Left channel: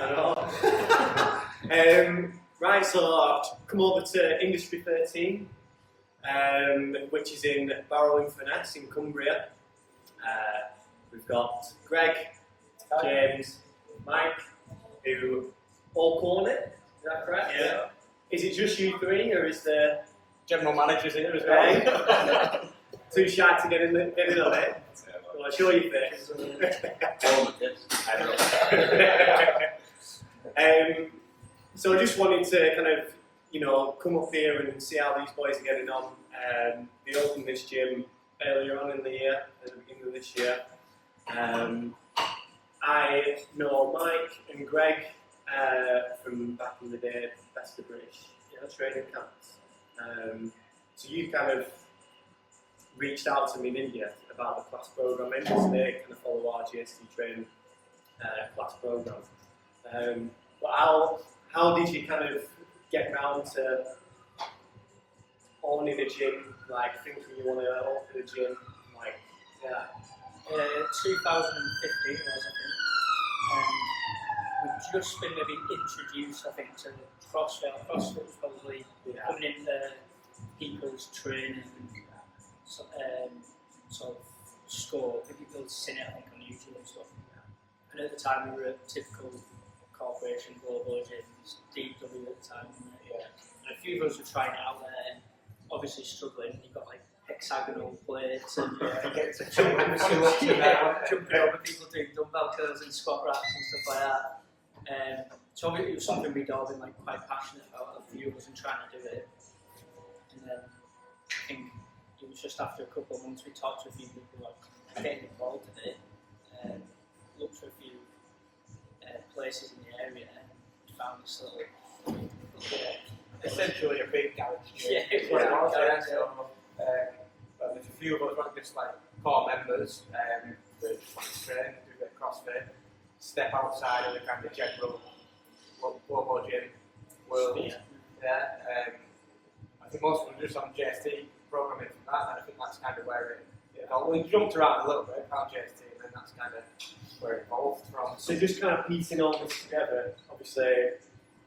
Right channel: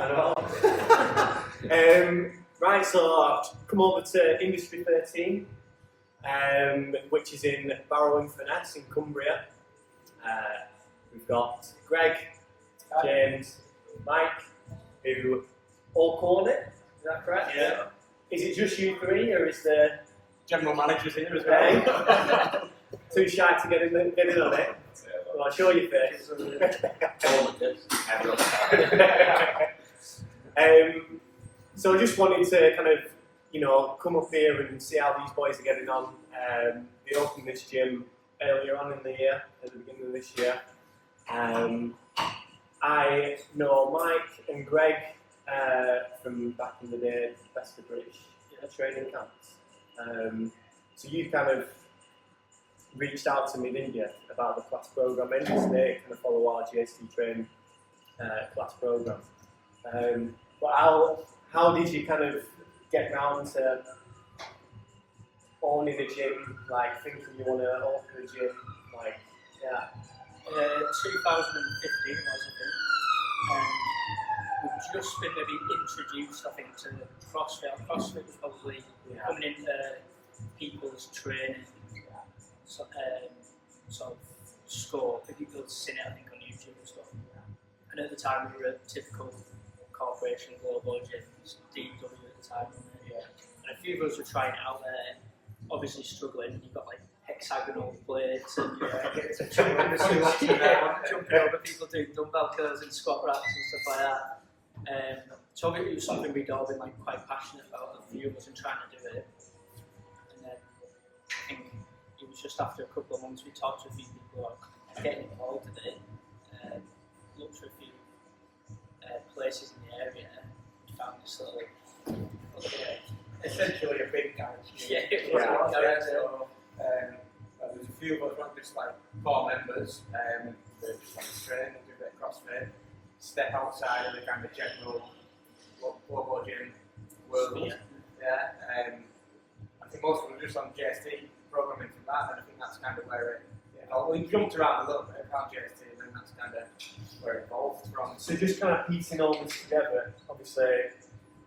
I know. Right, so I've come over to Industry 13, which is in Barrow-in-Furness in Cumbria. We've got Greg, James, Mike, who all corn it. Is that correct? Yeah. Is it just you three, or is there General managers in here as well. too shy to get in on it? Well, I'll show you first. So I just wanted to kind of, come up here and see how these boys are getting on. They opened this gym earlier on in the year, at the beginning of this year. I know Mike and Greg from back in the day, Best of British training camps. So you kind of reached out to me, didn't you, about the class program, and they kind of follow our JST Train Class program. But how did you kind of get round to owning a gym, like thinking you want to open a gym, like, yeah? 2015 was, I think, and we've just been maybe introduced, I think, to CrossFit. CrossFit was probably coming into people's training sort of scope. People had seen it, I think, on YouTube and stuff. And at the time, we were a typical corporation, global gyms, DW at the time, and a few of us were trying it out there, obviously struggling. You've got like hexagonal plates and jumping over people doing dumbbell curls and squat racks and stuff like that. So it was something we'd all been like quite passionate about, a few of us, and trying to do it. And then I think it was just after a couple of months we talked to a few people who are getting involved in it, looked for a few places in the area, and found this little essentially a big garage. Yeah, it was a garage. So, there's a few of us, just like core members, that just want to train and do a bit of CrossFit, step outside of the kind of general global gym world. I think most of them are just on JST programming from that, and I think that's kind of where we jumped around a little bit on JST, and then that's kind of where it evolved from. So just kind of piecing all this together, obviously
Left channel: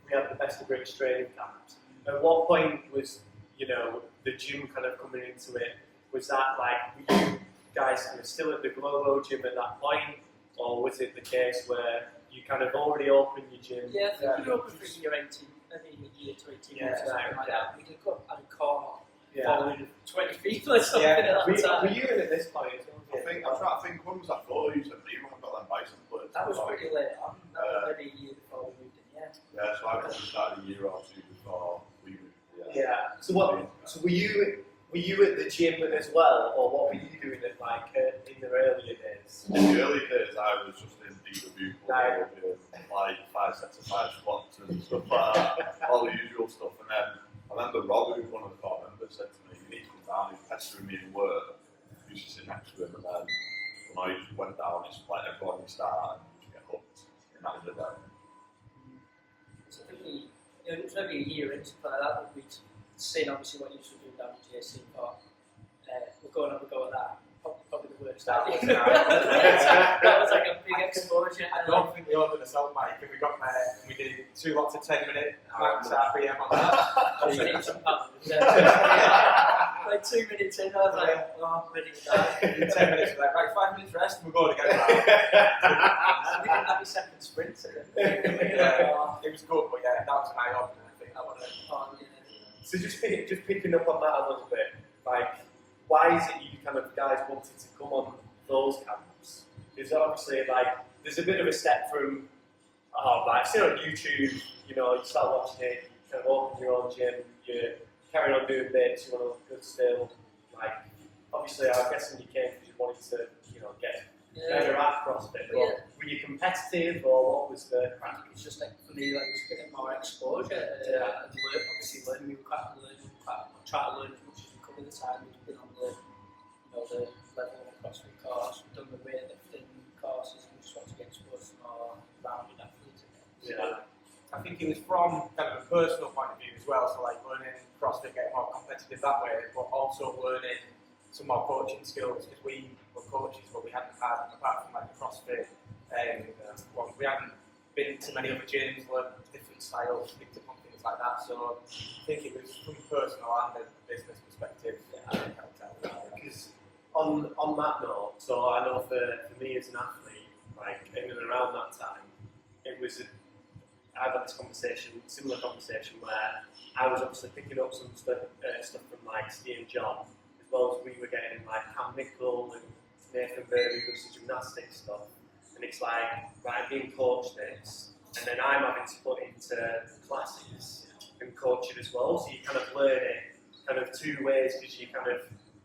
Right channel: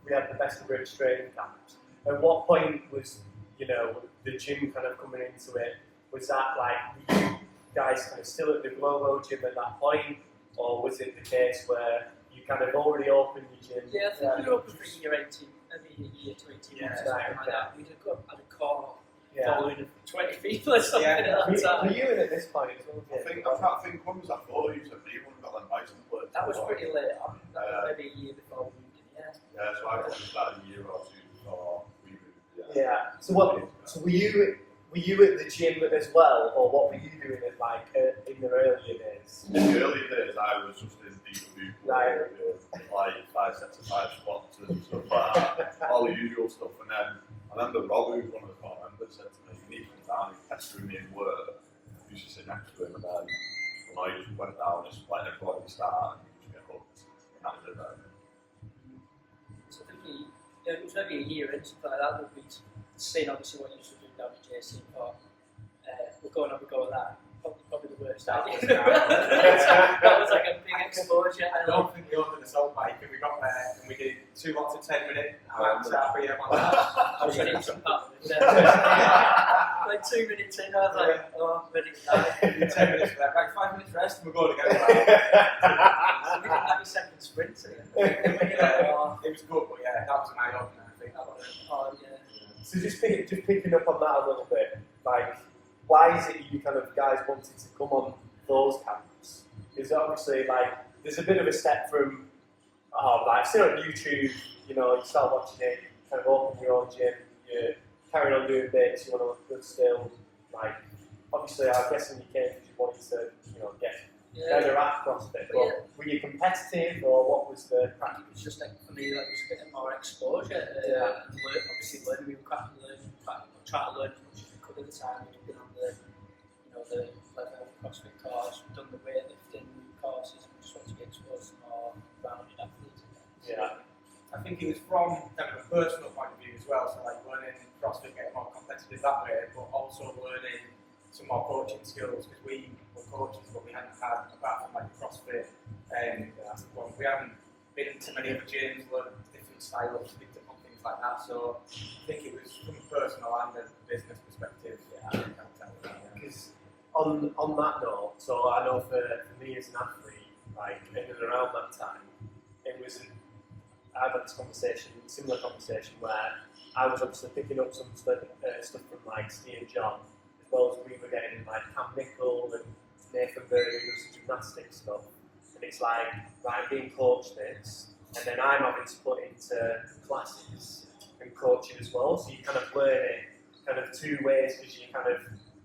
we had the Best of British training camps. At what point was, the gym kind of coming into it? Was that like, were you guys kind of still at the Globo gym at that point? Or was it the case where you kind of already opened your gym? Yeah, I think we were open for a year 18, maybe a year to 18 months or something like that. We had a core following of 20 people or something at that time. Were you in at this point as well? I'm trying to think, when was that for? You said me when we got them bison plates. That was pretty late on, maybe a year before we moved in, Yeah, so I probably started a year or two before we moved. Yeah. So were you at the gym as well, or what were you doing at in the earlier days? In the early days, I was just in DW, like 5 sets of 5 squats and stuff like that, all the usual stuff. And then I remember Rob, who's one of the core members, said to me, "You need to come down." He was pestering me in work. I used to sit next to him, and then when I just went down, it's like everybody start and you just get hooked. And that was it then. So I think it was maybe a year in, something like that, we'd seen obviously what you used to do down at JC, but we're going to have a go at that. Probably the worst idea. That was like a big exposure. I don't think we opened us out, Mike, and we got there and we did 2 lots of 10-minute max RPM on that. I was ready to jump out. Like 2 minutes in, I was like, oh, I'm ready to die. 10 minutes, we're like, right, 5 minutes rest, and we're going again. So we did 90-second sprints again. It was good, but that was an eye-opener, I think. That was it. Oh, yeah. So just picking up on that a little bit, like, why is it you kind of guys wanted to come on those camps? Because obviously, like, there's a bit of a step from, see on YouTube, you start watching it, you kind of open your own gym, you're carrying on doing bits, you want to look good still. Like, obviously, I'm guessing you came because you wanted to, get better at CrossFit. But were you competitive, or what was the practice? It's just like, for me, that was getting more exposure. And obviously, learning, we were trying to learn as much as we could at the time. We'd been on the level of the CrossFit course, we've done the weightlifting courses, we just want to get exposed to more rounded athletes again. Yeah. I think it was from kind of a personal point of view as well, so like learning CrossFit, getting more competitive that way, but also learning some more coaching skills, because we were coaches, but we hadn't had, apart from like the CrossFit, we hadn't been to many other gyms, learned different styles, picked up on things like that. So I think it was from a personal and a business perspective. Because on that note, so I know for me as an athlete, like in and around that time, it was I've had this similar conversation where I was obviously picking up some stuff from like Steve and John, as well as we were getting like Cam Nickel and Nathan Berry who does some gymnastics stuff, and it's like, right, being coached this, and then I'm having to put into classes and coach it as well, so you kind of learn it kind of two ways, because you kind of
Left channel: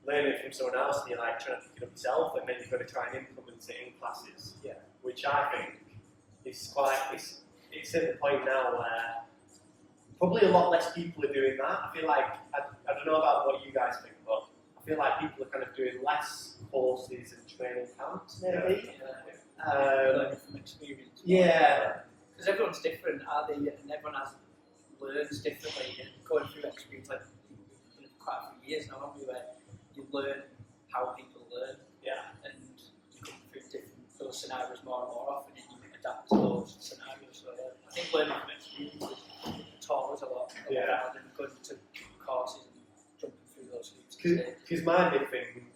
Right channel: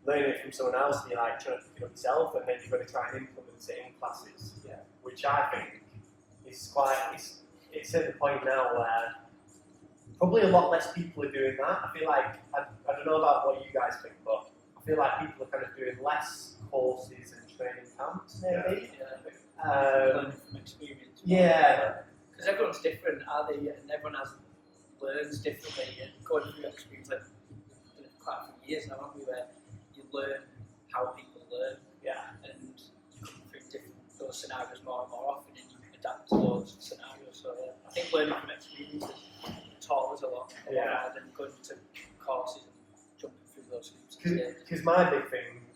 learn it from someone else and you're like trying to pick it up yourself, and then you've got to try and implement it in classes, which I think is it's at the point now where probably a lot less people are doing that. I feel like, I don't know about what you guys think, but I feel like people are kind of doing less courses and training camps, maybe. Learning from experience. Yeah. Because everyone's different, are they? And everyone learns differently. And going through experience, like quite a few years now, haven't we, where you learn how people learn. Yeah. And you come through those scenarios more and more often, and you adapt to those scenarios. So I think learning from experience has taught us a lot more than going to courses and jumping through those hoops. Because my big thing,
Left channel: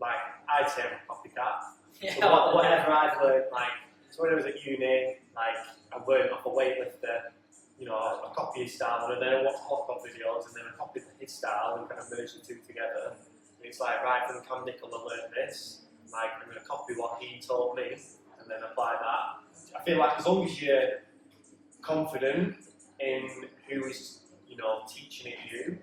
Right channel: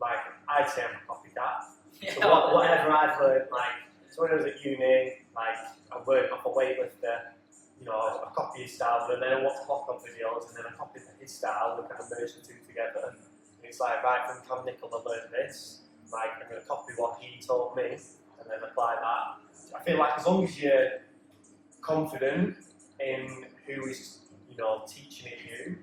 like, I'd say I'm a copycat. Yeah, So whatever I've learned, like, so when I was at uni, like, I learned off a weightlifter, you know, I copy his style, and then I watched hot videos, and then I copied his style and kind of merged the two together. And it's like, right, from Cam Nickel, I learned this, like, I'm going to copy what he taught me, and then apply that. I feel like as long as you're confident in who is, you know, teaching it you.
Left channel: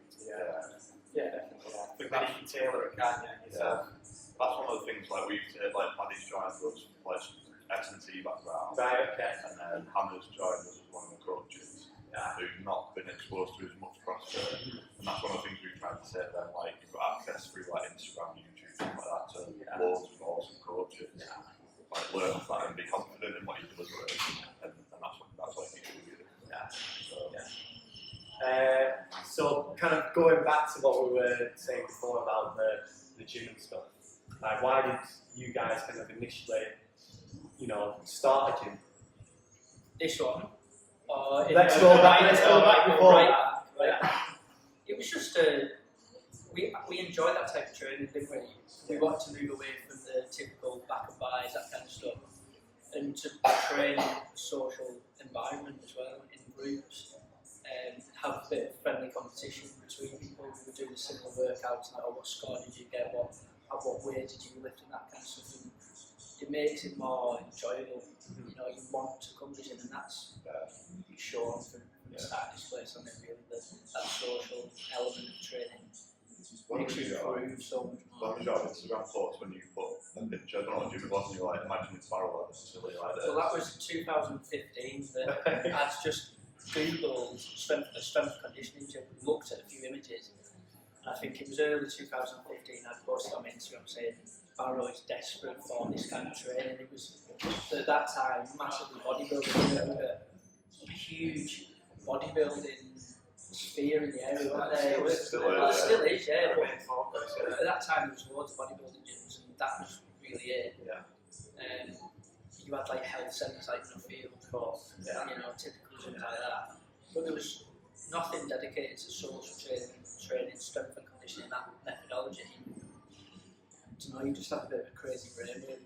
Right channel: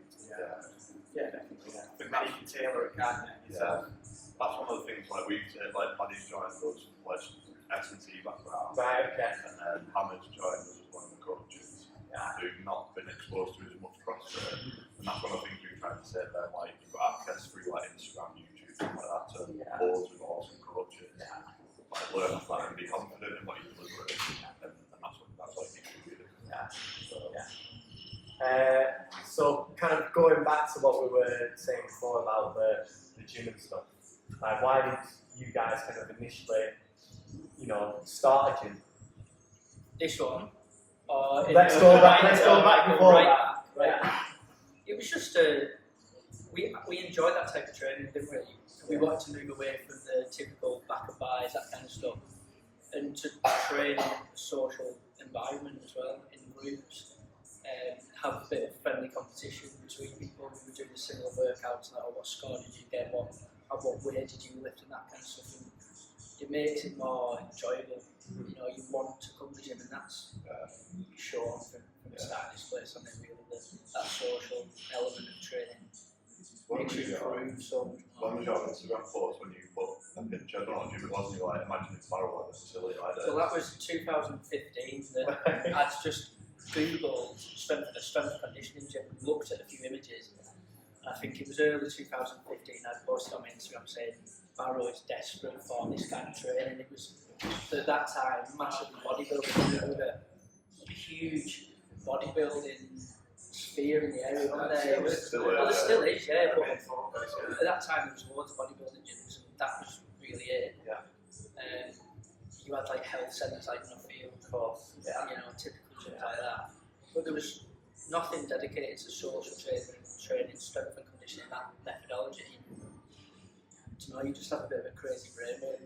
Yeah, definitely. I think that you can tailor it, can't you? That's one of the things, like we've said, like Paddy's joined us, like S&T background. Right, okay. And then Hannah's joined us as one of the coaches who've not been exposed to as much CrossFit. And that's one of the things we've tried to say then, like you've got access through like Instagram, YouTube, stuff like that to loads of awesome coaches. Like learn off that and be confident in what you deliver, and that's what I think we do. So kind of going back to what we were saying before about the gym and stuff, like why did you guys kind of initially, you know, start a gym? This one? Or Let's go back before right that. back. It was just we enjoyed that type of training, didn't we? We wanted to move away from the typical back and buys, that kind of stuff, and to train in a social environment as well, in groups, have a bit of friendly competition between people who were doing similar workouts, like, what score did you get, what weight did you lift, and that kind of stuff. And it makes it more enjoyable. You know, you want to come to the gym, and that's shown from the start of this place. I mean, really, that social element of training makes you improve so much more. When was your Instagram post when you put a picture? I don't know what gym it was, and you like imagining barrel at the facility like that? Well, that was 2015. That I'd just Googled strength and conditioning gym, looked at a few images, and I think it was early 2015. I'd posted on my Instagram saying Barrow is desperate for this kind of training. It was at that time massively bodybuilding. There was a huge bodybuilding sphere in the area, wasn't there? There still is, yeah. But at that time there was loads of bodybuilding gyms, and that was really it. You had like health centres like Nuffield, of course, you know, typical gyms like that. But there was nothing dedicated to social training, strength and conditioning, that methodology. You know, you just have a bit of a crazy brain, maybe.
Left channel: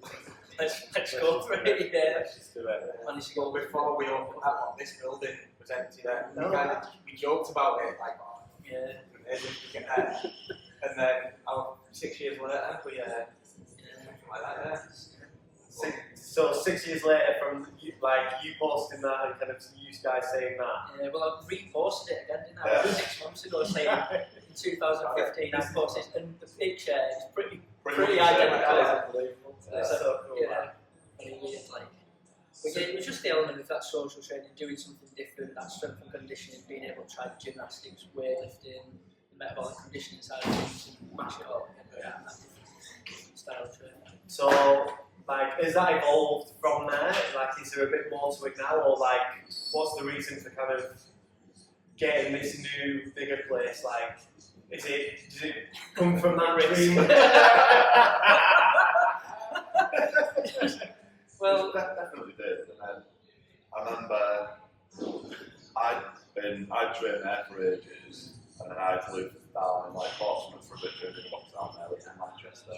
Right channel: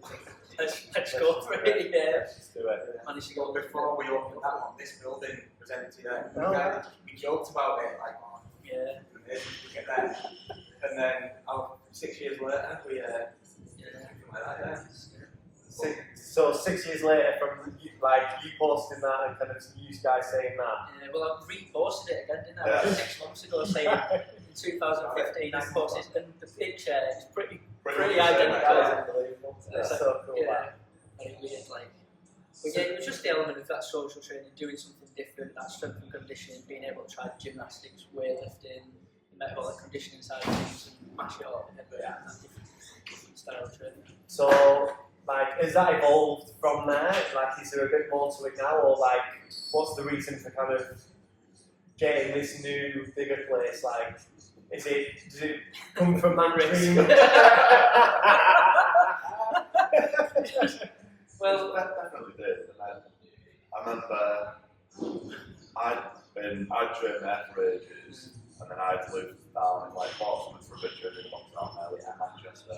Let's go for it, Let's do it. Managed to go before we opened that one, this building was empty then. Oh, We joked about it, like, amazing to get there. And then 6 years later, we something like that, So 6 years later, from you posting that and kind of you guys saying that. Yeah, well, I reposted it again, didn't I? 6 months ago, saying in 2015 I posted, and the picture is pretty identical. That is unbelievable. That's so cool. Yeah, very weird, like. But yeah, it was just the element of that social training, doing something different, that strength and conditioning, being able to try gymnastics, weightlifting, the metabolic conditioning side of things, and mash it all together in that different style of training. So, like, has that evolved from there? Like, is there a bit more to it now, or like, what's the reason for kind of getting this new, bigger place? Like, does it come from that dream? Well, that definitely did. And then remember I'd trained there for ages, and then I'd lived down in like Portsmouth for a bit, training box down there, lived in Manchester,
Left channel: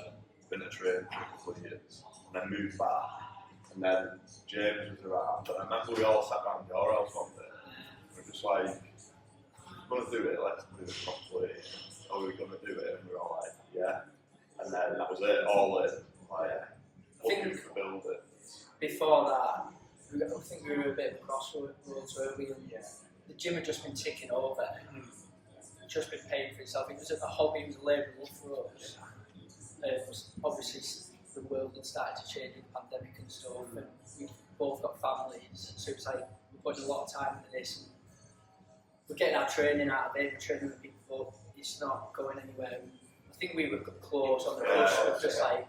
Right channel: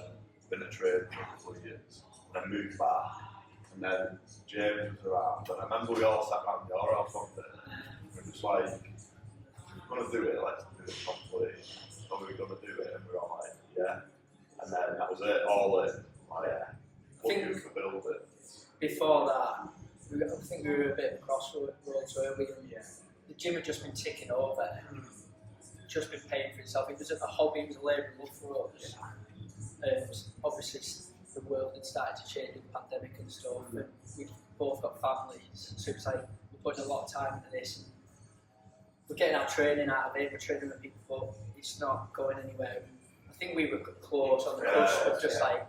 been a trainer for a couple of years, and then moved back. And then James was around, and I remember we all sat around your house one day, and we were just like, we're going to do it, let's do it properly. Are we going to do it? And we were all like, yeah. And then that was it, all in. Like, looking to build it. Before that, I think we were a bit of a crossroads, weren't we? And the gym had just been ticking over, just been paying for itself. It was a hobby, it was a labour of love for us. Obviously, the world had started to change with the pandemic and stuff, and we both got families, so it's like we're putting a lot of time into this. And we're getting our training out of it, we're training with people, but it's not going anywhere. I think we were close on the cusp of just like,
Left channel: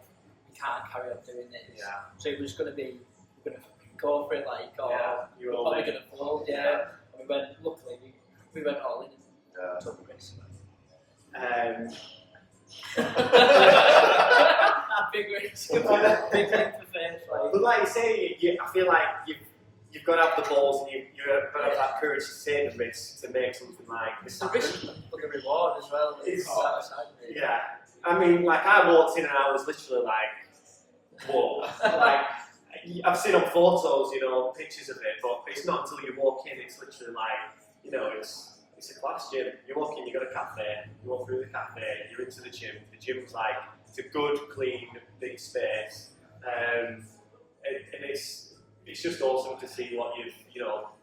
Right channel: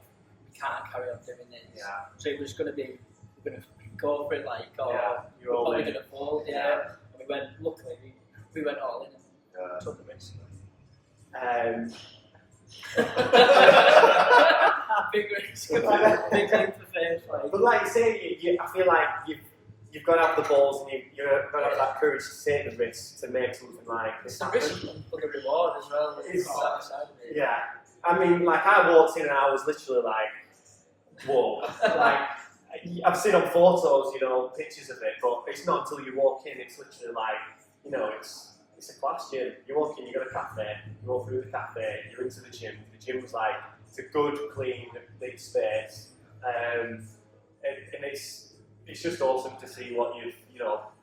we can't carry on doing this. Yeah. So it was going to be, we're going to go for it like, we're probably going to fold, And we went, luckily, we went all in and took the risk. Big risk, big leap of faith. But like you say, I feel like you've got to have the balls and you've got to have that courage to take the risk to make something like this happen. It's the risk but the reward as well. It's that side of it. Yeah. I mean, like I walked in and I was literally like, whoa. Like, I've seen on photos, pictures of it, but it's not until you walk in, it's literally like, it's a class gym. You walk in, you got a cafe, you walk through the cafe, you're into the gym. The gym's like, it's a good, clean, big space. And it's just awesome to see what you've,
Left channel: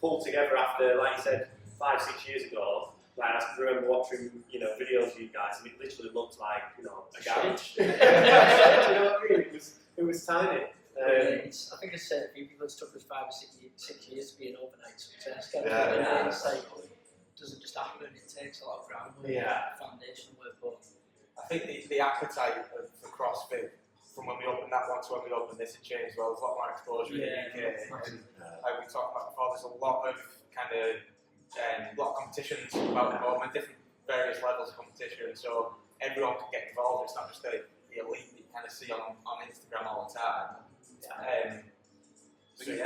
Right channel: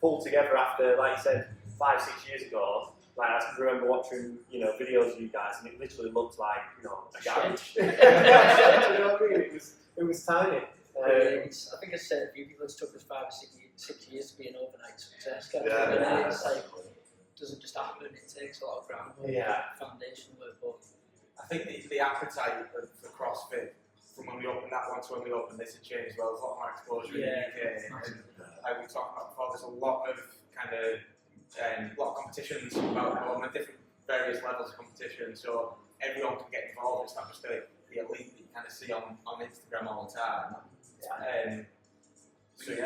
pulled together after, like you said, 5-6 years ago. Like I can remember watching, videos of you guys, and it literally looked like, a garage. You know what I mean? It was tiny. I think I said a few people, it's took us 5 or 6 years to be an overnight success. It's like, it doesn't just happen, it takes a lot of groundwork, foundation work. But I think the appetite for CrossFit from when we opened that one to when we opened this had changed well. There's a lot more exposure in the UK. And like we talked about before, there's a lot of competitions about the moment, different various levels of competition, so everyone can get involved. It's not just the elite that you kind of see on Instagram all the time. There's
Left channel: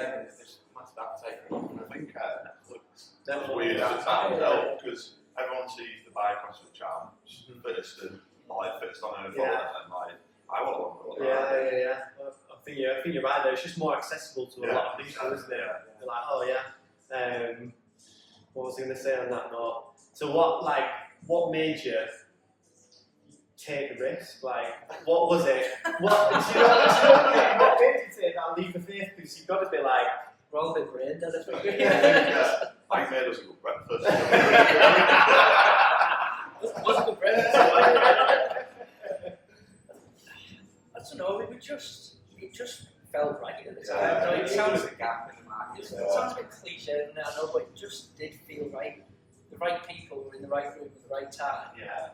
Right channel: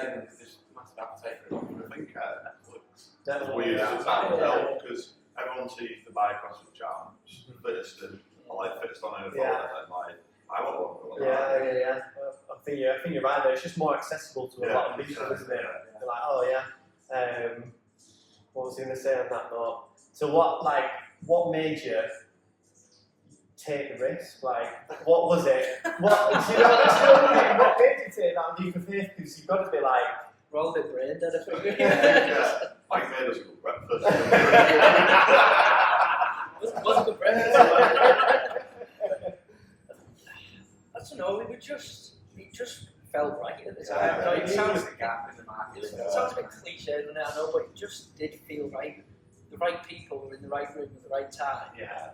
massive appetite for it. I think Netflix weird at the time as well, because everyone sees the CrossFit champs, fittest and fittest on earth, and like, I want to go Yeah. I think you're right there. It's just more accessible to a lot of people, isn't it? They're like, what was I going to say on that note? So what made you take the risk? Like, what was it? What made you take that leap of faith? Because you've got to be like, we're all a bit brain dead, I think. I made us a good breakfast. Was it good breakfast? I don't know, it just felt right at the time. It sounds like a gap in the market. It sounds a bit cliche, doesn't it? I know, but it just did feel right. The right people were in the right room at the right time. Yeah.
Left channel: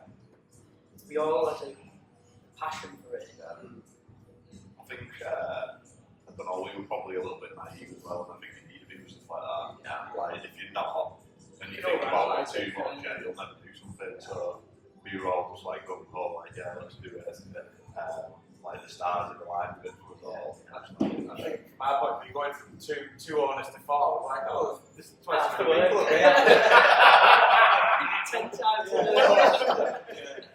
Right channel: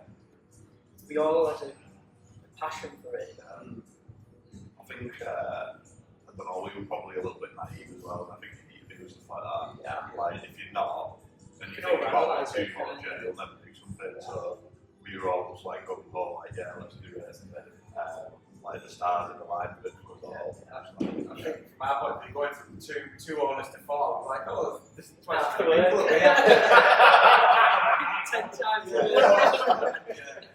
We all had a passion for it. I think, I don't know, we were probably a little bit naive as well, and I think you need to do stuff like that. Yeah. Like, if you're not, and you think about it too much, you'll never do something. So we were all just like going home, like, let's do it. Like the stars in the line with it was all. I think from our point of view, going from two owners to 4, we're like, this is twice as many people here. 10 times.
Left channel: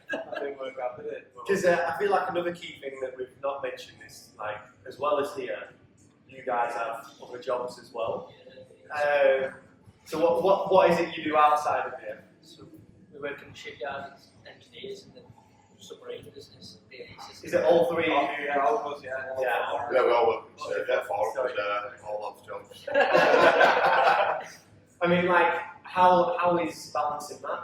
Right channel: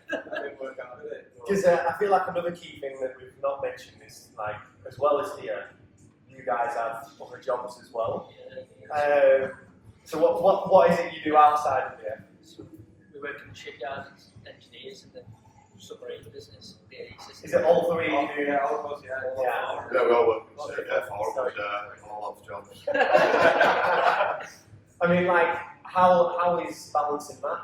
That didn't work out, did it? Because I feel like another key thing that we've not mentioned is, like, as well as here, you guys have other jobs as well. So what is it you do outside of here? So we work in the shipyard as engineers in the submarine business. Is it all three? Yeah, all of us, Yeah, we all work in the same, 4 of us, all have jobs. I mean, like, how is balancing that?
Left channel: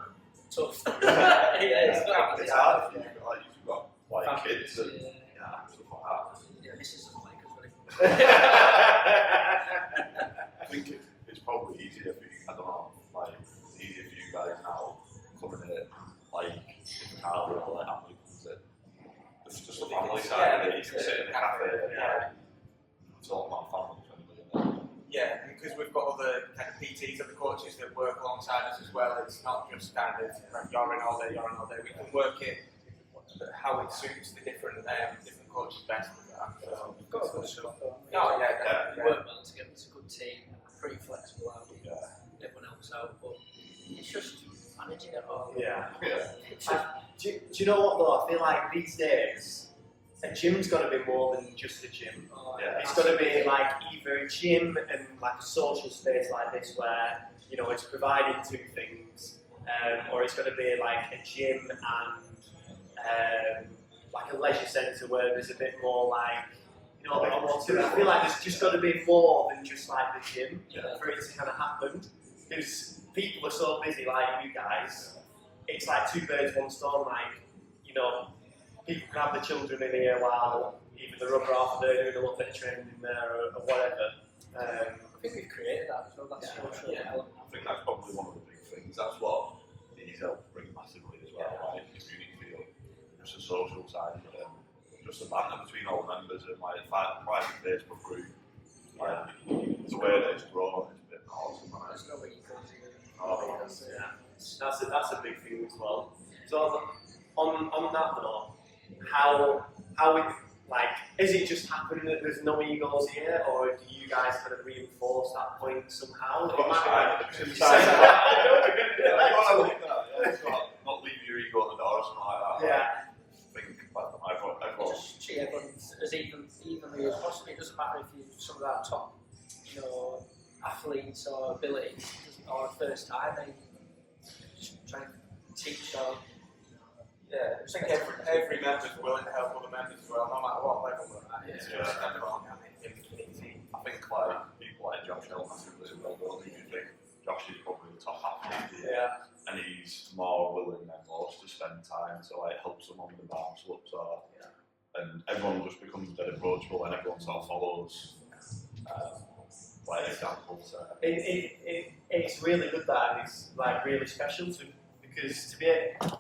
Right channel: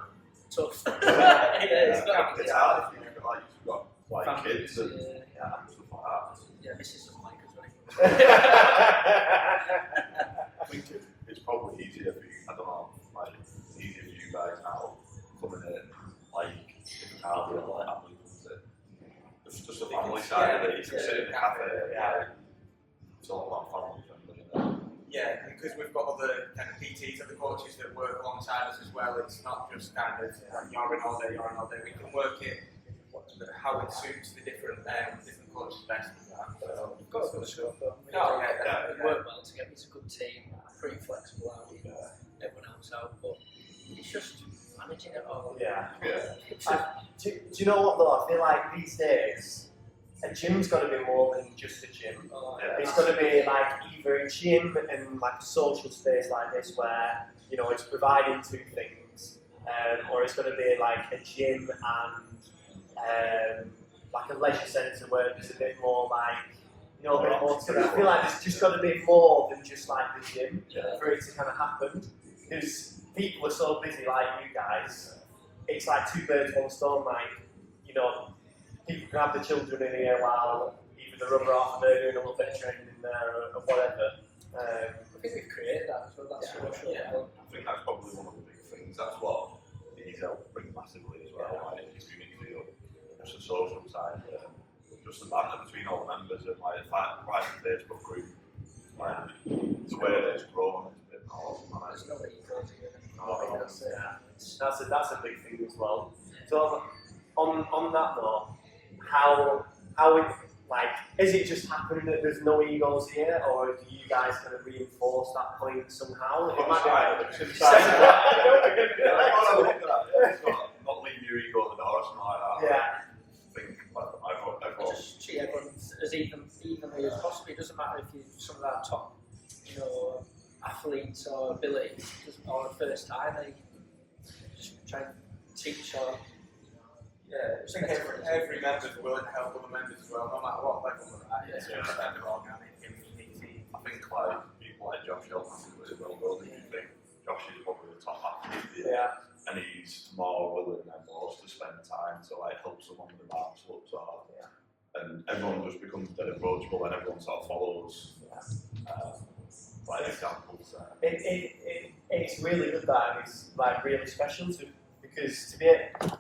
Tough. It's hard if you've got like kids and stuff like that. Yeah, Mrs. doesn't like us very I think it's probably easier for you. I don't know, like it's easier for you guys now coming in, like if the family or the family comes in. It's just a family side of it. You can sit in a cafe. It's all about family friendly. Yeah, because we've got other kind of PTs, other coaches that work alongside us as well. It's not just standard, like you're in all day. We can work it how it suits the different coaches best. We've got a good squad, though. Oh, yeah, We definitely, work well together. It's a good team. Pretty flexible out with everyone else out, but it's just managing it all. Yeah. It's Do you know what though? I feel like these days, a gym's got to be more than just a gym. It's got to be like either a gym and like a social space like this where, you know, it's providing two things, or it's got to be like a gym and like a leisure centre where there's a bit more like, you know, a bit more to it. I feel like there's just got to be more than just like the gym for it to kind of happen. Because people are so busy like you guys, it's like two birds, one stone. Like, you know, people can have the children in here while either the rubber off, they're doing a little bit of training in there or whatever. I think we've created that as well. That's social element. I think that's probably one of the big things. That's what these help bring massively as well. Like the community feel, just the social side, just the banter between all the members and like the private Facebook group. Like the way that it's grown, it's a bit awesome. There's no way you go to That's a big thing as well. So on that though, how it like, is it just happened that there's no egos here, or do you guys kind of reinforce that point somehow? Not leave your ego at the door or something like that. Yeah. I think everyone. Just treat everyone as evenly as possible. It doesn't matter if you're some of our top, you know, athletes or abilities, or first time. They just try and teach or. Yeah, I think every member's willing to help other members as well, no matter what level they're at. It's just kind of organic and easy. I think like people like Josh help massively as well, don't you think? Josh is probably the top athlete here, and he's more willing than most to spend time to like help someone with a bad slip or and everyone just becomes dead approachable and everyone sort of follows like examples. It's really good that, and it's like really special because to be,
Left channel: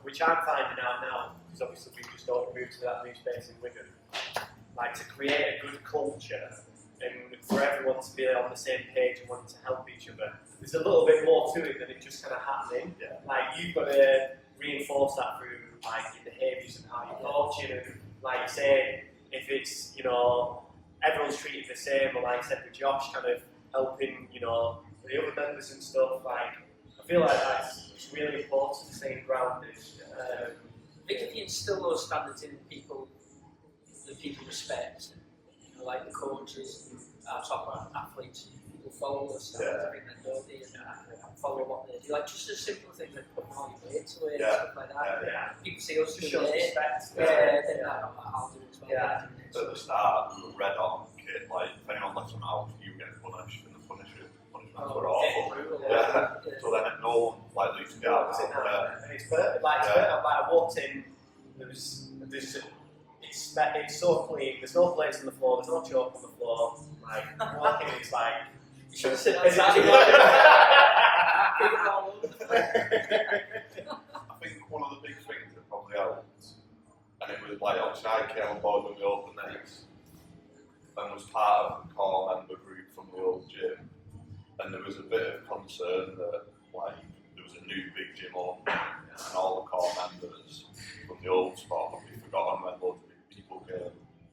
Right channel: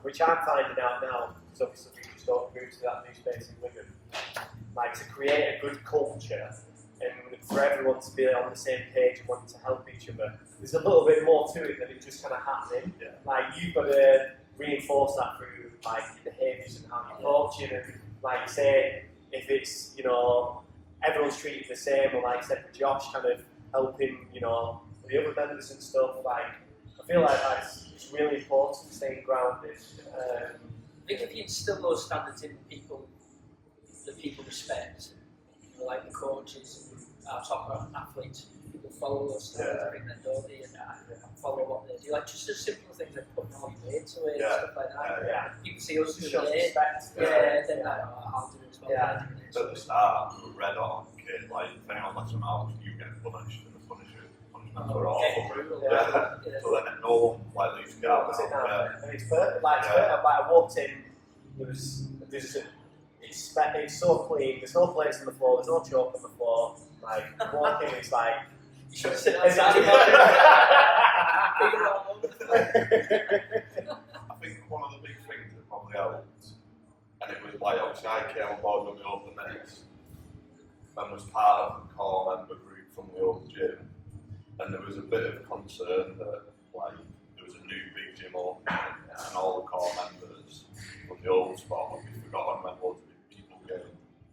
which I'm finding out now, because obviously we just got moved to that new space in Wigan, like to create a good culture and for everyone to be on the same page and wanting to help each other, there's a little bit more to it than it just kind of happening. Yeah. Like you've got to reinforce that through like your behaviours and how you're coaching, and like you say, if it's, you know, everyone's treated the same, or like I said with Josh, kind of helping, you know, the other members and stuff, like I feel like it's really important staying grounded. I think if you instill those standards in people that people respect, you know, like the coaches and our top athletes, people follow those standards, I think then don't they, and follow what they do. Like just as simple things like putting all your weights away and stuff like that. People see us do shows it. respect. Then like, oh, I'll do it as well. Yeah. So at the start, we were red on kid, like if anyone lets them out, you get punished, and the punishments were awful. So then no one like leaves to get out. And it's perfect. Like, I walked in, it's so clean. There's no plates on the floor. There's no chalk on the floor. Like walking, it's like you should have said outside. I think one of the big things that probably helped, and it was like obviously I came on board when we opened these, and was part of the core member group from the old gym, and there was a bit of concern that like there was a new big gym open, and all the core members from the old spot would be forgotten when loads of big people came,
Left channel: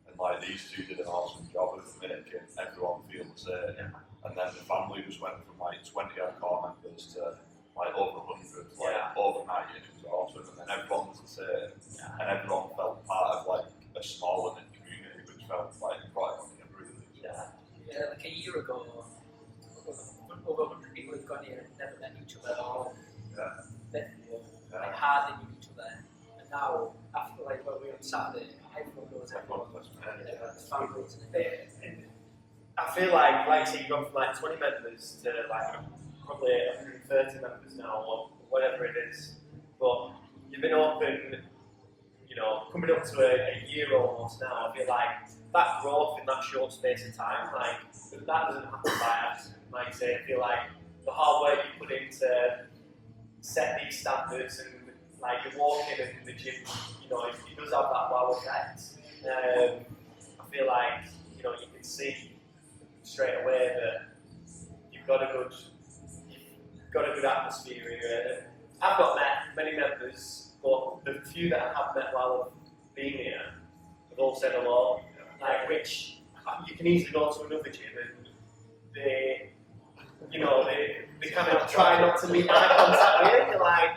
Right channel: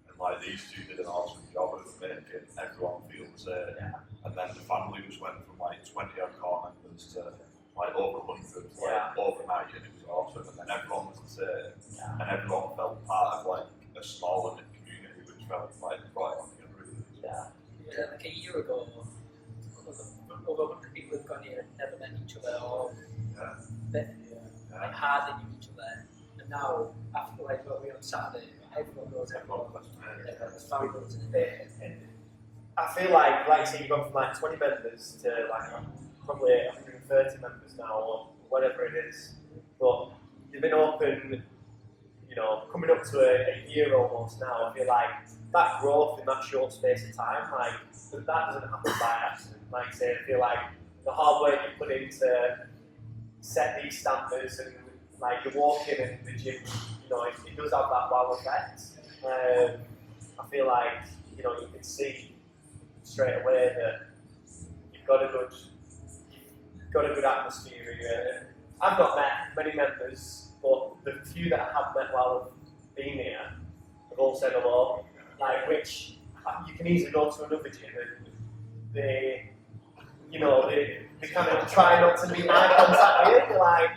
and like these two did an awesome job of making everyone feel the same, and then the family just went from like 20 odd core members to like over 100, like overnight, and it was awesome, and then everyone was the same, and everyone felt part of like a smaller knit community, which felt like right on the really. Like a year ago, over 100 people had gone here and never met each other, or hardly knew each other. And now, after like what we on Saturday, everyone knows everyone. Everyone's families. And I feel like say you've gone from like 20 members to like probably 130 members now, or whatever it is. But you've been open, you know, coming up to a year almost now. I feel like that growth in that short space of time, like that doesn't happen by accident. Like I say, I feel like the hard work you put in to set these standards, and like you walk in and the gym, you know, it does have that wow effect. I feel like, you know, you can see straight away that you've got a good atmosphere here. I've not met many members, but the few that I have met while I've been here have all said hello. like which you can easily go to another gym and they, you know, they kind of try not to make eye contact with you. You're like,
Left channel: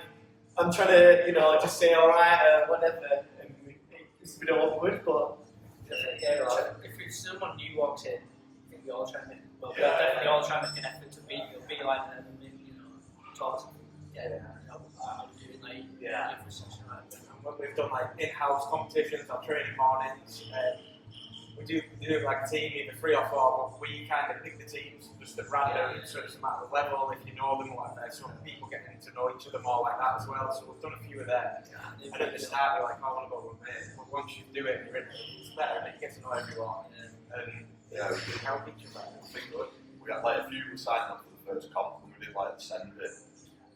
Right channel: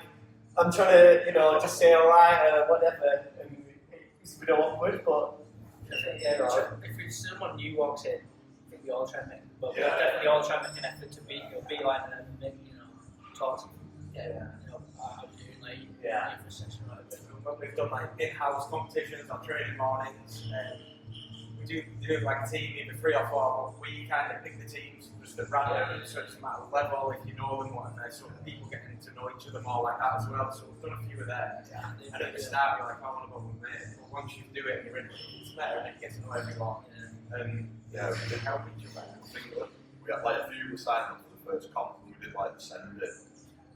I'm trying to, you know, just say alright, whatever, and it's a bit awkward, but yeah, if it's someone new walks in, I think we all try and make, well, Yeah. definitely all try and make an effort to be like them and maybe, you know, talk to them. Yeah, you know, I'm doing like for session right a bit. When we've done like in-house competitions or training mornings, we do like a team, either 3 or 4, but we kind of pick the teams just at random, so it's a matter of level, if you know them, whatever, so people getting to know each other more like that as well, so we've done a few of them. And at the start you're like, I want to go with me, but once you do it and you're in it, it's better and you get to know everyone, and we can help each other. I think we had like a few were signed up for the first comp, and we did like send it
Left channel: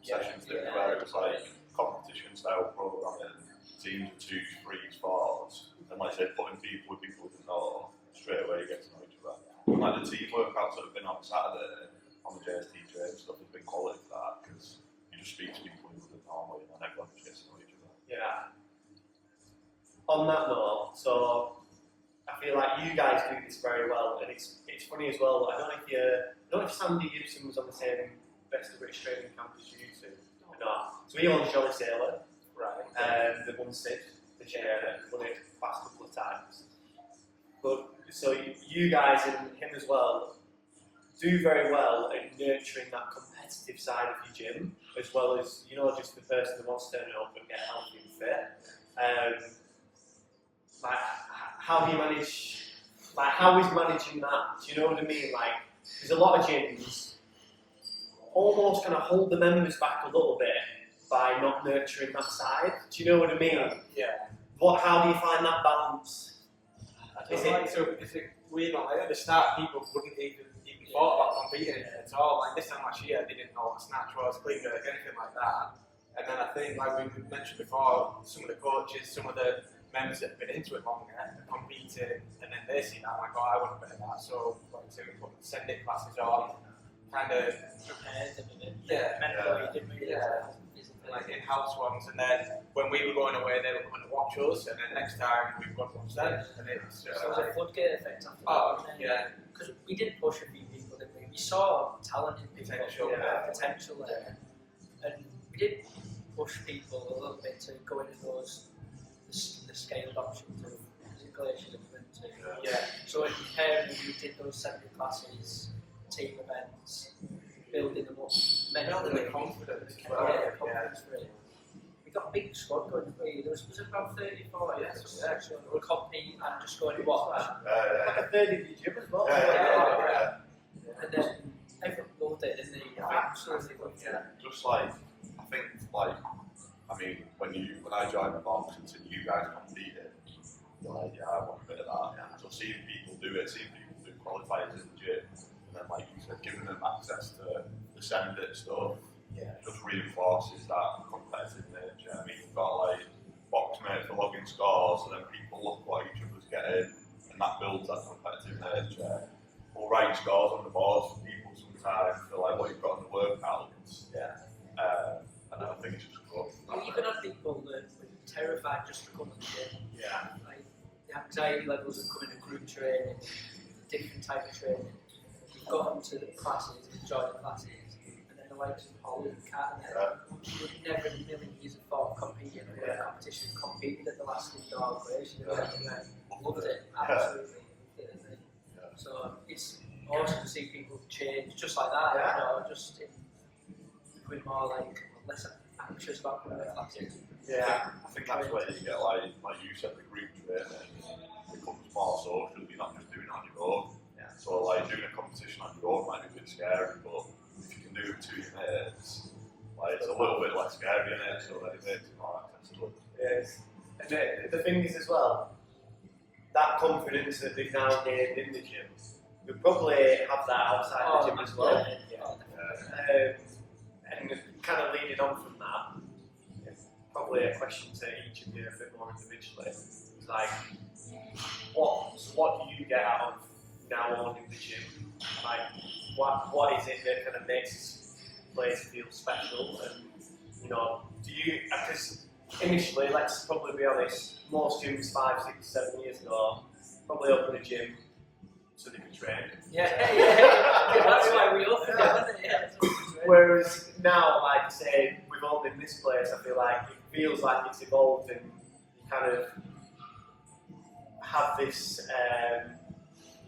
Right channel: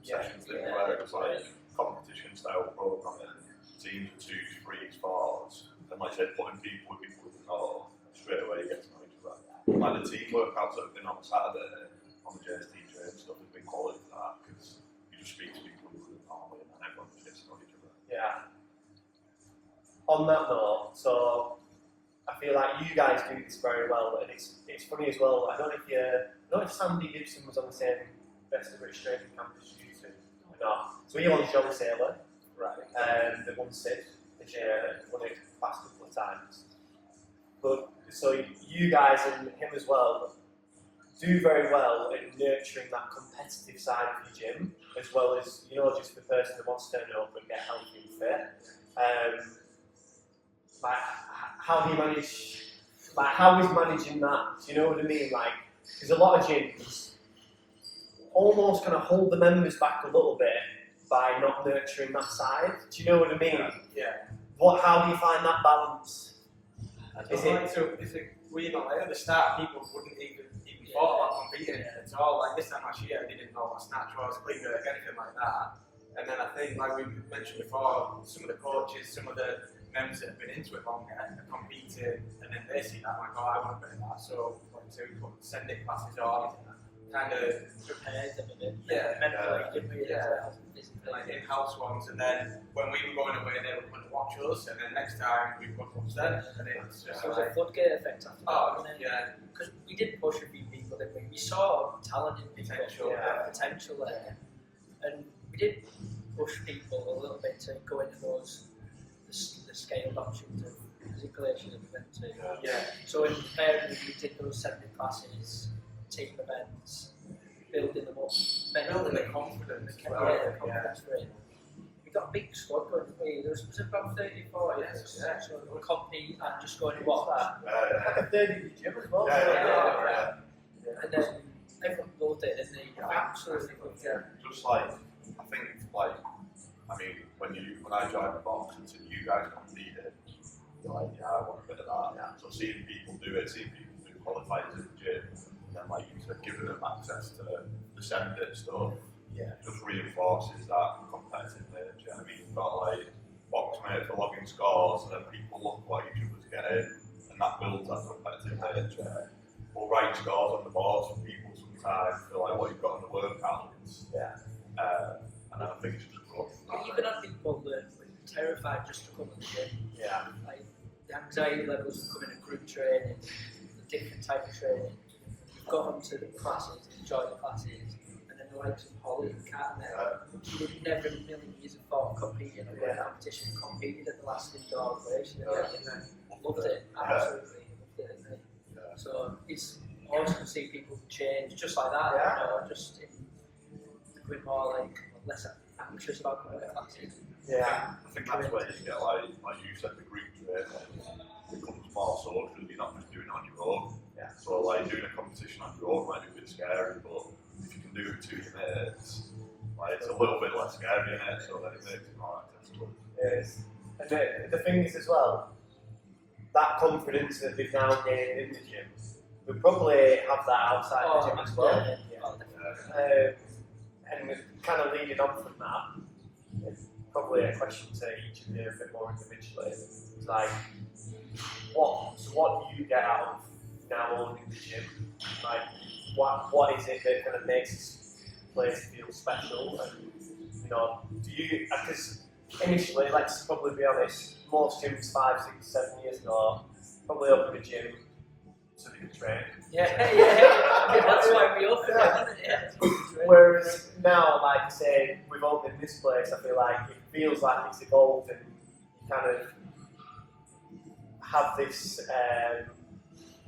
sessions where it was like competition style programming, teams of 2s, 3s, 4s, and like I said, putting people with people we didn't know, straight away you get to know each other. And like the team workouts that have been on Saturday on the JST Train stuff has been quality for that, because you just speak to people you wouldn't normally and then everyone just gets to know each other. Yeah. On that note, so I feel like you guys do this very well, and it's funny as well. I don't know if Sandy Gibson was on the same Best of British Training Camp as you two. No. So he won Jolly Sailor, Right. the won Sid this year, won it past couple of times. But so you guys and him as well do very well in nurturing that competitive side of your gym, as well as, you know, just the person that wants to turn up and get healthy and fit. Like, how do you manage? Like, how is managing that? Do you know what I mean? Like, there's a lot of gyms almost kind of hold the members back a little bit by not nurturing that side. Do you know what I mean? Yeah. How do you find that balance? It's a weird one. Like at the start, people wouldn't even thought about competing at all. Like this time last year, they didn't know what a snatch was, clean jerk, anything like that. And then I think, like we mentioned before, some of the coaches, some of the members that have been into it longer are competing, and then they see that like, oh, I want a bit of that. So, like, so we put send it classes on, kind of prepared them a bit. mentally, didn't we? physically, like in-house ones. And then when we were going away, they were coming to watch us, and then next time we've got to watch them. And it's just So it was a floodgate effect after that. oh, yeah. Because we did push a few people, didn't we? We saw talent in people, potential there, and we did push people a little bit to go into the scaled options of physical issues that we went to. Yeah. So in preparing, we did those 70 classes, team events, building them up, Building the confidence. confidence for it. We got a big squad going, didn't we? There was about 30, 40 so we'll compete and just going to watch. Like a third of your gym as well. And then everyone loved it, and they absolutely loved it. Just like, I think, like, I mean, when I joined the box and seen you guys competed, you're like, yeah, I want a bit of that. Yeah. So seeing people do it, seeing people do qualifiers in the gym, and then, like you said, giving them access to the send it stuff, just reinforces that competitive nature. I mean, you've got like box mates for logging scores, and then people look what each other's getting, and that builds that competitive nature. We'll write scores on the boards for people sometimes for like what you've got in the workouts. And I think it's just good. You can have people that were terrified just to come to the gym. Like the anxiety levels of coming to group training, different type of training. You've got them to the classes, enjoy the classes, and then the likes of Holly and Kat and them, you would never in a million years have thought of competing or going to competition, competed at the last indoor creation and loved it, absolutely loved it. So it's awesome to see people change just like that, you know, just becoming more like less anxious about coming to classes. I think that's where you get like you said, the group training becomes more social. You're not just doing it on your own. So like doing a competition on your own might be a bit scary, but if you can do it to your mates, like it's a little bit less scary in it, so then it makes it more accessible. Yes. And the thing is as well, that confidence that they've now gained in the gym, we probably have that outside the gym as well. And kind of leading on from that, it's probably a question to each of you a bit more individually. It's like, what do you get out of now owning the gym? Like, what is it that kind of makes this place feel special? And, you know, do you, because initially, let's probably be honest, most gyms 5, 6, 7 years ago, probably open a gym so they can train. Yeah, that's why we opened it, wasn't it? Yeah. Whereas now, like I say, we've opened this place, I feel like it feels like it's evolved and you kind of have this,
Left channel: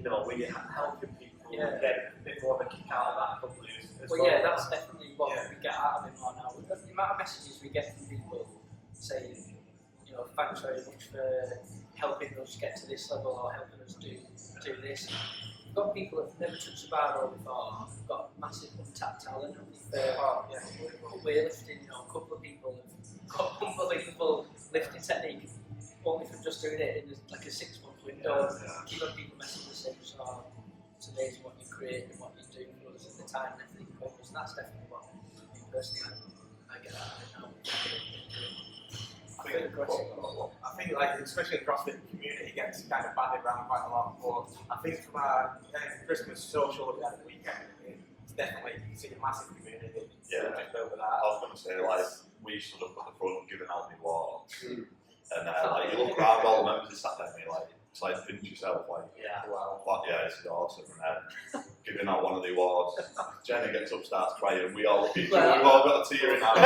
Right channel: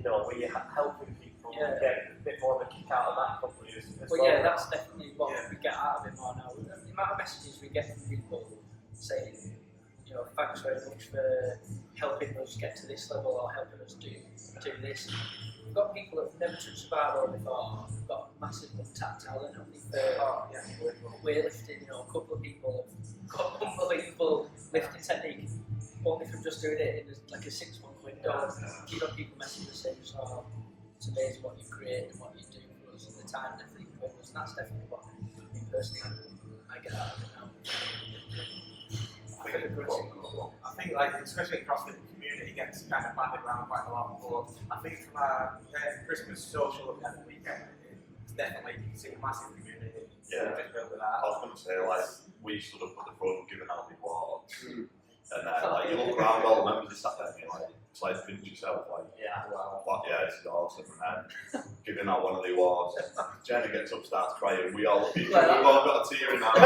where you're helping people get a bit more of a kick out of that probably as well. Yeah, that's definitely what we get out of it more now. The amount of messages we get from people saying, thanks very much for helping us get to this level or helping us do this. We've got people that have never touched a barbell before. We've got massive untapped talent only for weightlifting. A couple of people have got unbelievable lifting technique only from just doing it in like a 6-month window. Keep on people messaging saying, it's amazing what you create and what you do for us and the time and everything for us. And that's definitely what me personally I get out of it now. I think, like, especially in the CrossFit community, it gets kind of bandied around quite a lot. But I think from our Christmas social that we had at the weekend, it's definitely seen a massive community. Yeah. Built with I that. was going to say, like, we stood up at the front giving out the awards, and like you look around, all the members are sat there, and you're like, it's like pinch yourself, like, this is awesome, and then giving out one of the awards, Jenna gets up, starts crying, we all look at each other, we've all got a tear in our eyes.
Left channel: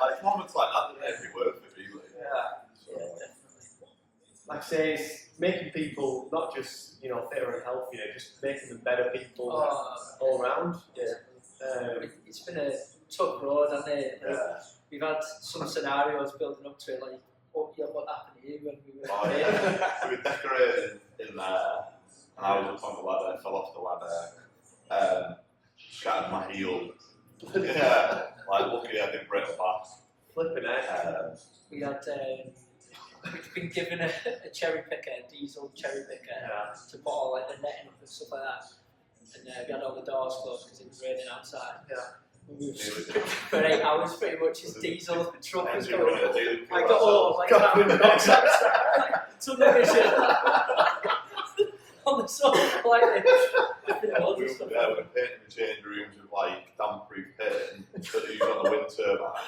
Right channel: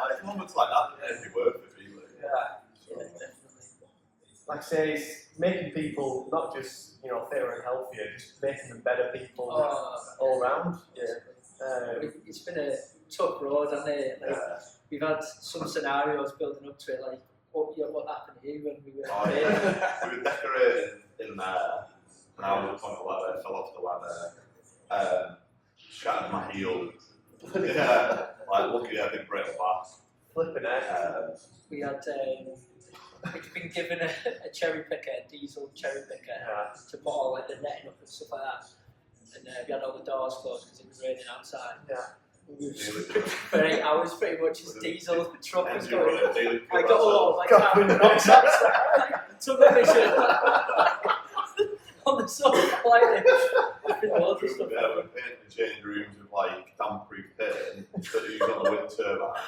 Like moments like that, it'd be worth it, really. Definitely. Like I say, it's making people not just fitter and healthier, just making them better people all round. It's been a tough road, hasn't it? Like, we've had some scenarios building up to it, like what happened here when we were we were decorating in there, and I was up on the ladder, fell off the ladder, shattered my heel. Luckily I didn't break my back. Flipping out. We had we'd been given a cherry picker, a diesel cherry picker, to put all like the netting up and stuff like that. And we had all the doors closed because it was raining outside. We were for 8 hours pretty much. His diesel truck was going. I got all like carbon monoxide, tunnel vision on the sofa like this. We were painting the change rooms with like damp-proof paint that they use on the wind turbines.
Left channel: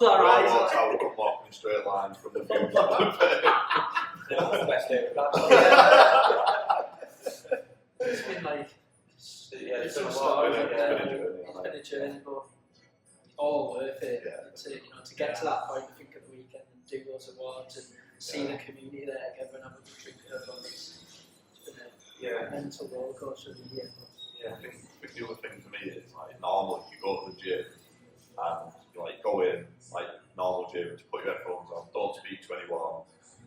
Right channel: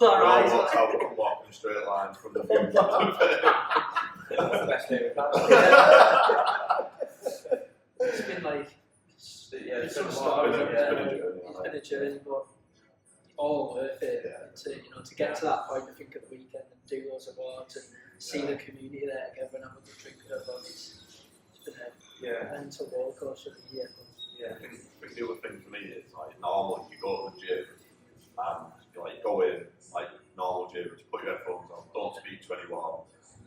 That's how we come walking straight lines from the fumes to the paint. That's the best day of that. It's been like It's some been stories. It's Been a journey, but all worth it to get to that point. I think at the weekend and do those awards and see the community there together and have a good drink with everyone. It's been a mental roller coaster of the year. I think the other thing for me is like normally you go to the gym and you go in like normal gym, just put your headphones on, don't speak to anyone,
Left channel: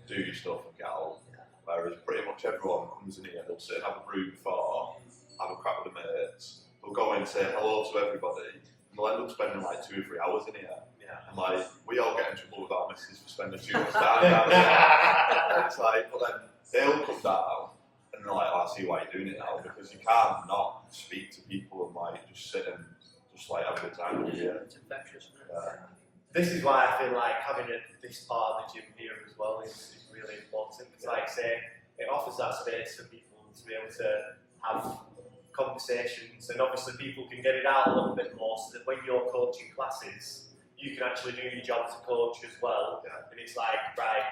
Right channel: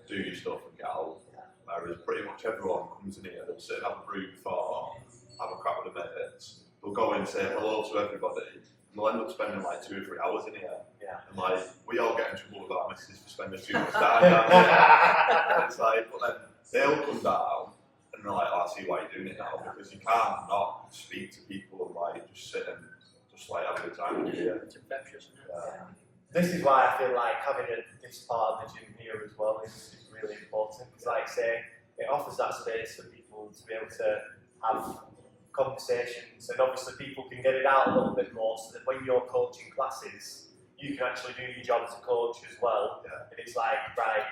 do your stuff and get out. Whereas pretty much everyone comes in here, they'll sit and have a brew before, have a crap with the mates, they'll go in and say hello to everybody, and they'll end up spending like 2 or 3 hours in here. And like we all get in trouble with our missus for spending too much time down here. And it's like, but then they'll come down and they're like, I see why you're doing it now, because you can't not speak to people and like just sit and just like have a good time with you. It's infectious, isn't it? This is why I feel like having this part of the gym here as well is really important, because like I say, it offers that space for people to be able to have conversations, and obviously people can get it out a little bit more so that when you're coaching classes, you can actually do your job as a coach as well. And it's like, right,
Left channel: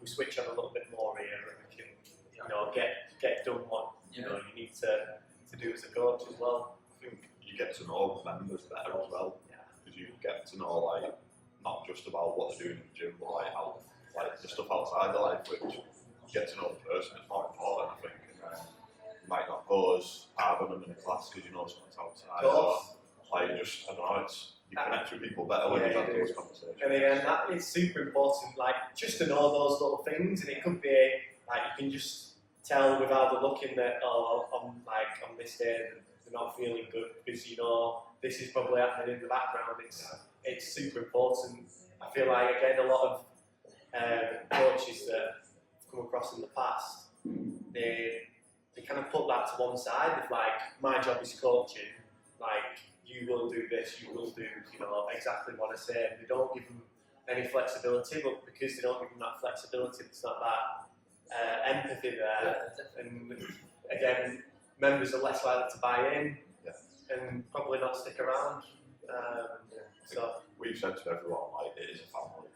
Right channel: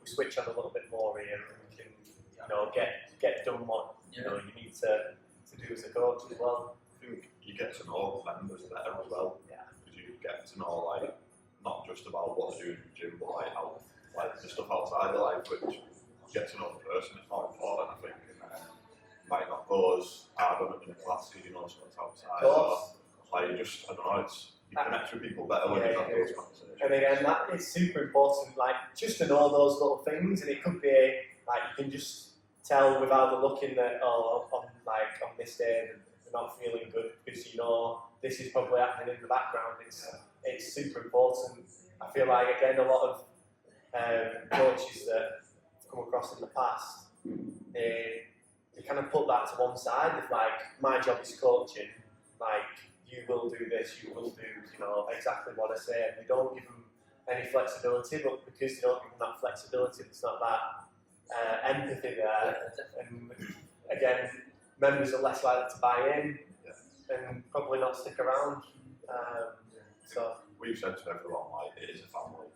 we switch on a little bit more here and we can, get done what you need to do as a coach as well. I think you get to know the members better as well. Because you get to know like not just about what they're doing in the gym, but like how the stuff outside their life, which you get to know the person. It's more important, I think. And you might not go as hard on them in a class because you know someone's outside. Or like just I don't know, you connect with people better when you have those conversations. And again, it's super important, like just to know those little things, and it could be like you can just tell without the looking that on this day they're not feeling good because this is probably happening in the background. It's super important. I feel like again a lot of coaches that I've come across in the past, they kind of put that to one side of like my job is coaching, like you will do this, you will do exactly what I say, and they don't give them any flexibility, but because they don't give them that flexibility, it's not that empathy there, and again, members are less likely to buy in and probably not stick around. So we've said to everyone like it is a family,